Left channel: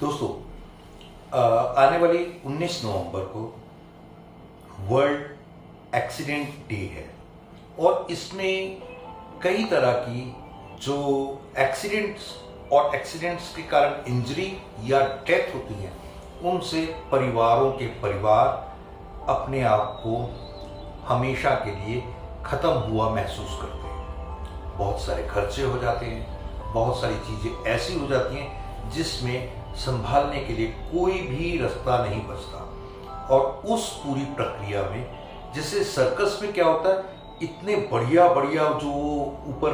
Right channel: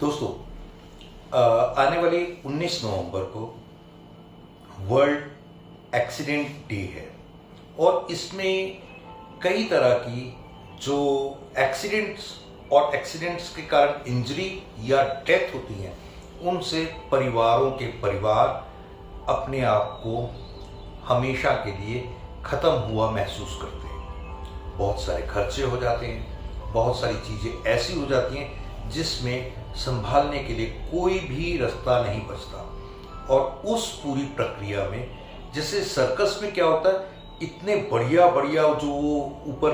दोस्तों, आने वाली 19 नवंबर को वर्ल्ड एक्सीडेंट डे है और इसमें कई तरह की जो एक्सीडेंट्स के कारण इंजरी या डेथ होती हैं, उनसे परिवारों के परिवार अपने आप को हमेशा के लिए ख़त्म हुआ महसूस करते हैं। बहुत सारे खर्चे हो जाते हैं, बहुत सारी चीज़ें ऐसी हो जाती हैं जिसमें संभालने के लिए कोई भी रास्ता नहीं बचता। और उस पूरी प्रक्रिया में जैसे सर्कस में क्या होता है, इतने बढ़िया बढ़िया जो ऊपर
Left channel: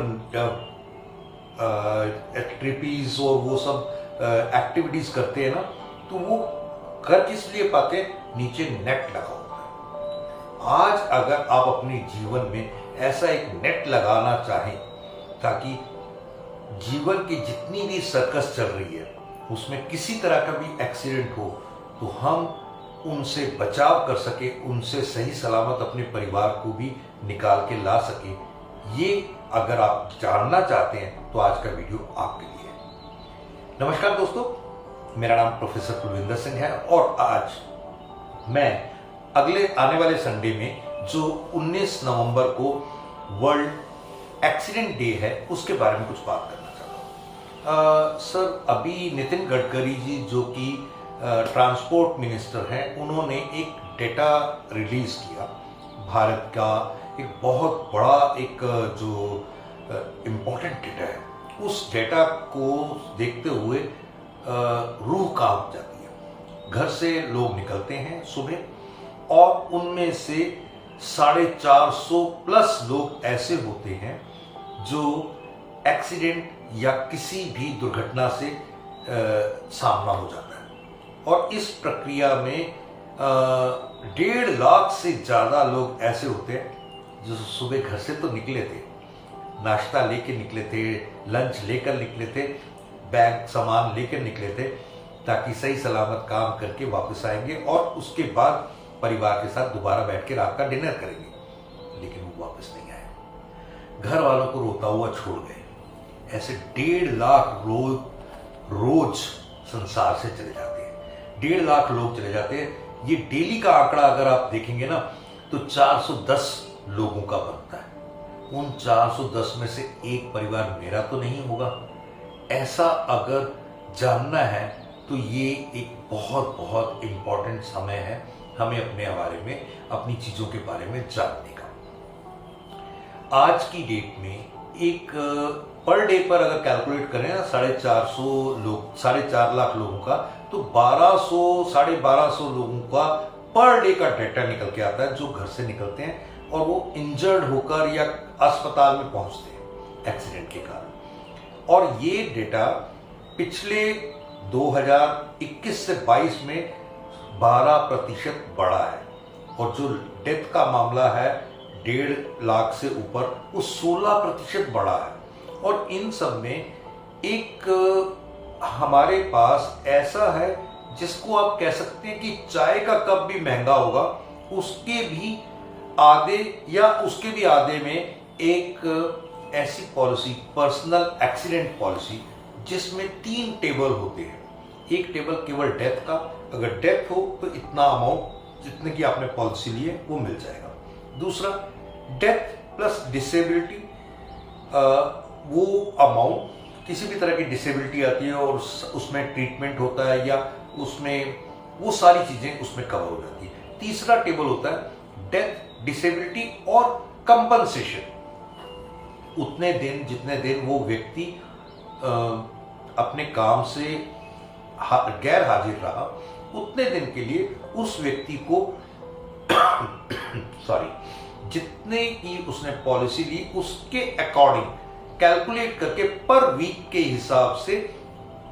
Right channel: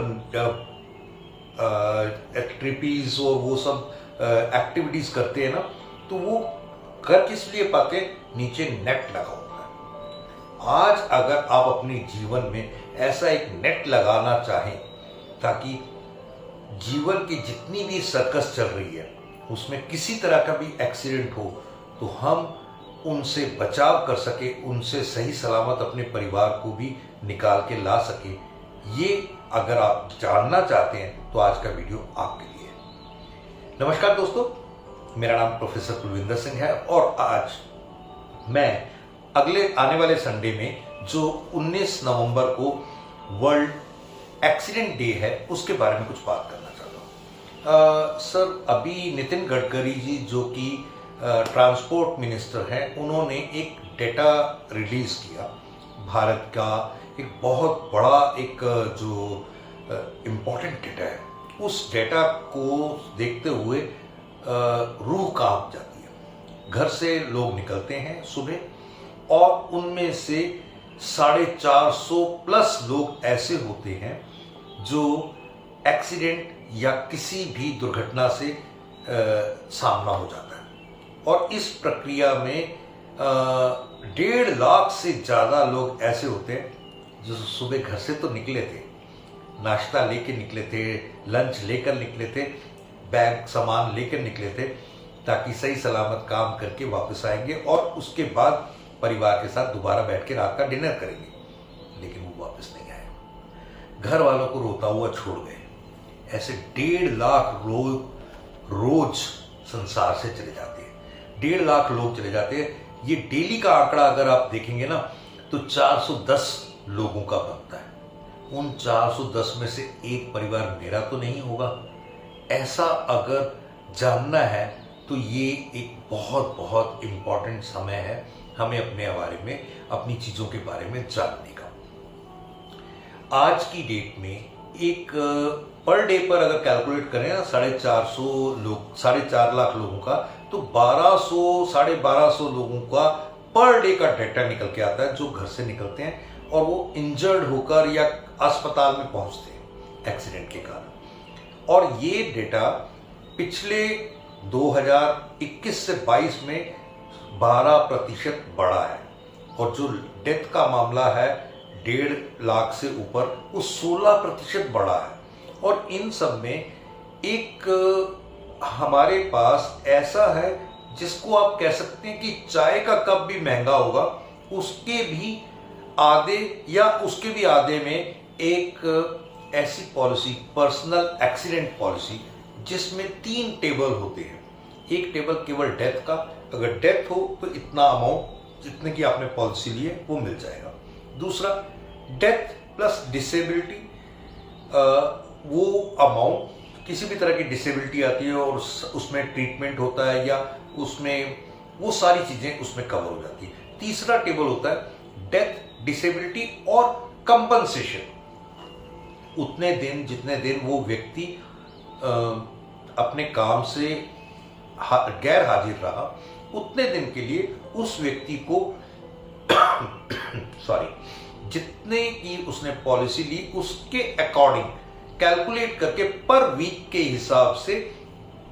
ट्रिपीज और वो सब एक्टिविटीज करते हैं ना, तो वो कर किस लिए पाते हैं? नीचे नेट लगा होता है। आज अगर आप अपने जीवन में ऐसा एक नेट लगाना चाहें ताकि जीवन की जितनी भी सर्कस चल रही है उसमें किसी तरह का भी एक्सीडेंट हो तो हम उनसे बचाव कर सके, उनसे सही सलामत अपने परिवार को भी निकाल के ला सके, ये अगर आप जानना चाहते हैं तो आज का वीडियो आपके लिए है। नमस्कार दोस्तों, मेरा नाम प्रोफेसर कुलविंदर सिंह है और आज मैं अगले आने वाले संडे में जो 19 नवंबर को वर्ल्ड एक्सीडेंट डे है उसके बारे में कुछ बात करना चाहता हूँ। सर, अभी नितिन गडकरी जी जो कि ट्रांसपोर्ट मिनिस्टर हैं, उन्होंने एक डेटा रिलीज किया। भारत का एक बहुत बड़ा एक जो इम्पोर्टेंट डेटा है, उस डेटा को देखते हुए रूह कांप जाती है। घर से लोग निकलते हैं सुबह और उनमें से 450 प्लस लोग ऐसे होते हैं जो एक्सीडेंट या किसी भी दुर्घटना से सामना हो जाता है। और इस प्रक्रिया में 1.5 लाख से ज़्यादा लोग ऐसे होते हैं जो सुबह घर से तो निकले थे, नाश्ता लेके निकले थे, लंच लेकर निकले थे, बैग सामान लेकर निकले थे ताकि सही सलामत काम करके वापस आएंगे और उसके बाद परिवार के साथ दोबारा बैठ के रात का डिनर करेंगे, लेकिन वो वापस नहीं आए। घर वालों को रोता हुआ छोड़ गए। ऐसे 1.5 लाख लोग रोज संसार से चले जाते हैं। 1.5 लाख लोग चले जाते हैं। ये डेली का आंकड़ा अगर आप देखेंगे ना तो 410 लोगों का बनता है। उन 410 में से एक परिवार मेरा तो नहीं होगा। ऐसा अगर जानना है तो ये एक बहुत बहुत इम्पोर्टेंट समय है हमें अपने बारे में, अपनी चीजों के बारे में जानने का। आज की डेट में एक पर डे पर अगर कैलकुलेट करें ना 4.5 लाख लोगों का, तो 1200-1250 लोगों का पर डे का डेटा निकल के आता है जो घर से निकलते हैं और वो इंजर्ड होकर या अस्पताल में पहुंचते हैं एक्सीडेंट के कारण। और ये डेटा पिछले 2021 से 22 में 12% बढ़ा है और जो डेथ का मामला है 1.5 लाख से ऊपर, वो 16% बढ़ा है। और इन सब में एक हमारे पास ऐसा है जिसको आप कह सकते हैं कि चाय का कप भी महंगा होगा, उसके भी आधे या उसके भी आधे में एक ऐसी पॉलिसी, पर्सनल एक्सीडेंट पॉलिसी, जिसमें 3 टेबल होते हैं। एक टेबल केवल डेथ का, अगर डेथ हो तो इतना अमाउंट जितने की आपने पॉलिसी ली है वो मिल जाएगा। दूसरा डेथ प्लस डिसेबिलिटी, वो अमाउंट किसी भी तरह की डिसेबिलिटी आती है और उसमें ट्रीटमेंट होता है या उसमें वो सारी चीजें उसमें कवर हो जाती है। तीसरा टेबल होता है डेथ, डिसेबिलिटी और कंपनसेशन। उतने दिन जितने दिन वो व्यक्ति अपने काम से गैर हाजिर रहा, उतने दिन के लिए उस व्यक्ति को जितने की उसने पॉलिसी ली उसके अकॉर्डिंग कैलकुलेट करके पर वीक के हिसाब से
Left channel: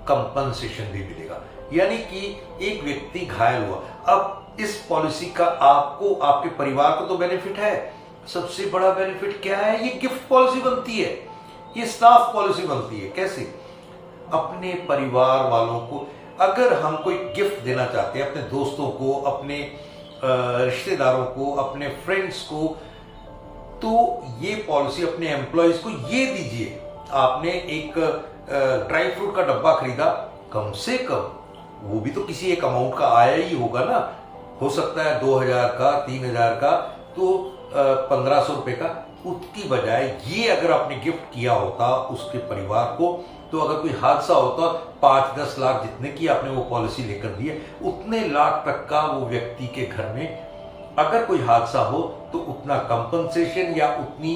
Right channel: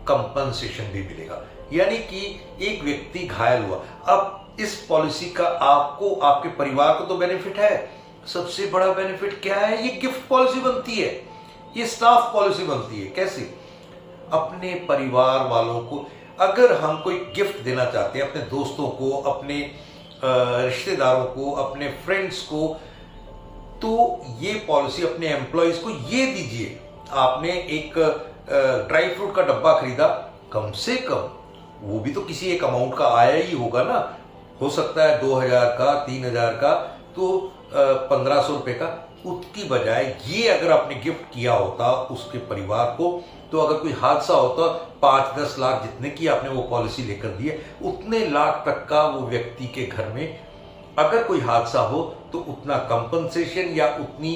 कंपनसेशन भी मिलेगा। यानी कि एक व्यक्ति घायल हुआ, अब इस पॉलिसी का आपको, आपके परिवार को तो बेनिफिट है। सबसे बड़ा बेनिफिट क्या है? ये गिफ्ट पॉलिसी बनती है, ये स्टाफ पॉलिसी बनती है। कैसे? अपने परिवार वालों को अगर हम कोई गिफ्ट देना चाहते हैं, अपने दोस्तों को, अपने रिश्तेदारों को, अपने फ्रेंड्स को, तो ये पॉलिसी अपने एम्प्लॉयज को ये दीजिए। आपने एक ड्राई फ्रूट का डब्बा खरीदा, कम से कम वो भी तो किसी एक अमाउंट का आया ही होगा ना। हो सकता है 2000 का, 3000 का, तो 1500 रुपए का। उसकी बजाय ये अगर आपने गिफ्ट किया होता उसके परिवार को, तो अगर कोई हादसा होता 5-10 लाख जितने की आपने वो पॉलिसी लेकर दी है, उतने लाख तक का वो व्यक्ति के घर में अगर कोई हादसा हो तो उतना कंपनसेशन या उतनी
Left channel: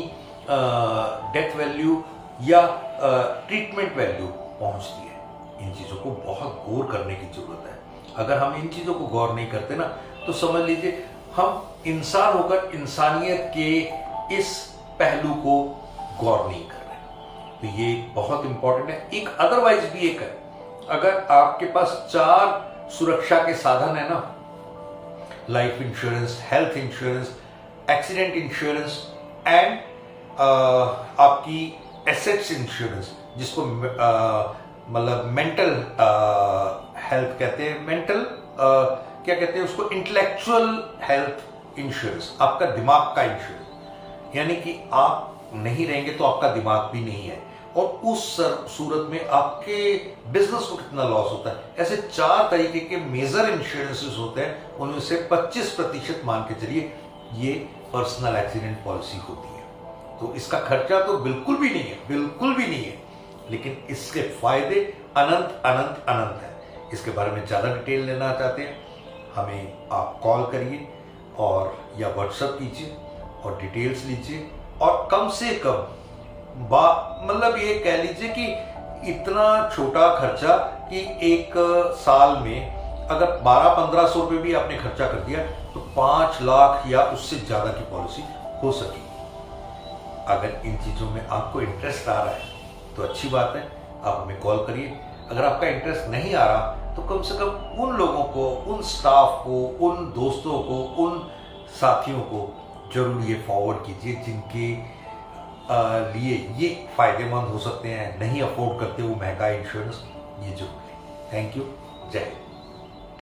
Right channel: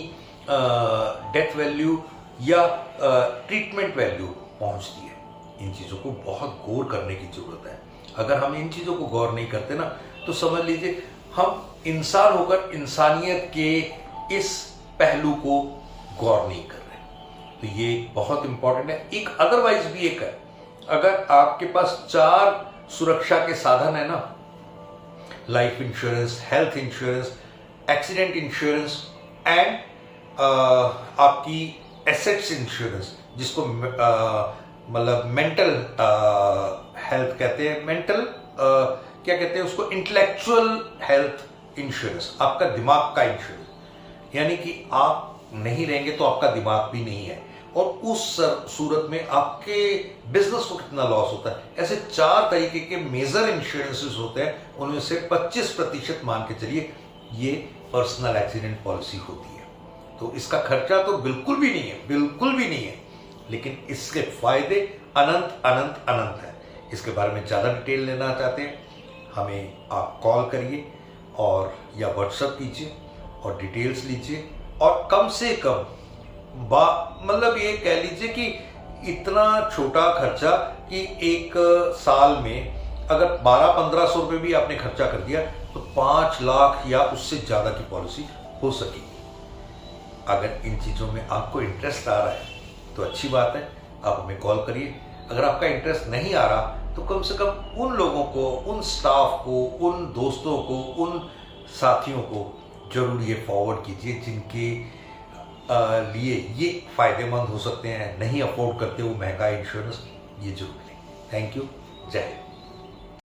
डेथ वैल्यू या ट्रीटमेंट वैल्यू पहुंचती है। इन चीज़ों को बहुत गौर करने की जरूरत है। अगर हम इन चीज़ों को गौर नहीं करते ना, तो समझ लीजिए हम इंसान होकर इंसानियत के इस पहलू को गौर नहीं कर रहे। तो ये बहुत इंपॉर्टेंट है। एक अदरवाइज भी एक है, अगर आपके पास 4 सुरक्षा के साधन है ना, life insurance, health insurance, accident insurance and आपकी एसेट्स इंश्योरेंस, जिसको मतलब मेंटल हेल्थ कहते हैं, मेंटल क्या कहते हैं उसको, इंटेलेक्चुअल हेल्थ इंश्योरेंस, आपका दिमाग का इंश्योरेंस। यानी कि आप नहीं रहेंगे तो आपका दिमाग भी नहीं है, और उस सूरत में आपके बिजनेस को कितना लॉस होता है। ऐसे 4 तरीके के मेजर इंश्योरेंसेस होते हैं, उनमें से 25% मान के चलिए ये पर्सनल एक्सीडेंट पॉलिसी होती है। तो इसका खर्चा तो बिल्कुल भी नहीं है, बिल्कुल भी नहीं है, लेकिन इसके फायदे अनंत अनंत अनंत हैं। इसके बारे में ज़्यादा डिटेल लेना चाहते हैं, हमें आप कॉल करिए और या व्हाट्सएप कीजिए और डिटेल्स लीजिए। और कम से कम मतलब ये कह लीजिए कि इतना छोटा खर्चा कि एक साल में अगर 1200-1500 रुपये भी आपने खर्चा कर दिया तो 5 लाख या उससे ज़्यादा की पॉलिसी हो सकेगी। अगर इन चीज़ों में आपको इंटरेस्ट आ रहा है तो अच्छी बात है, आप हमें कॉल करिए। अगर आपका इंटरेस्ट नहीं आ रहा तो कम से कम उन लोगों को, उन स्टाफ को, उन दोस्तों को, उन साथियों को जरूर ये फॉरवर्ड कीजिए जिनके लिए ये फायदेमंद हो सकते हैं, नहीं अफोर्ड करते वो महंगा इंश्योरेंस, ये जरूर लें। थैंक यू, जय हिंद।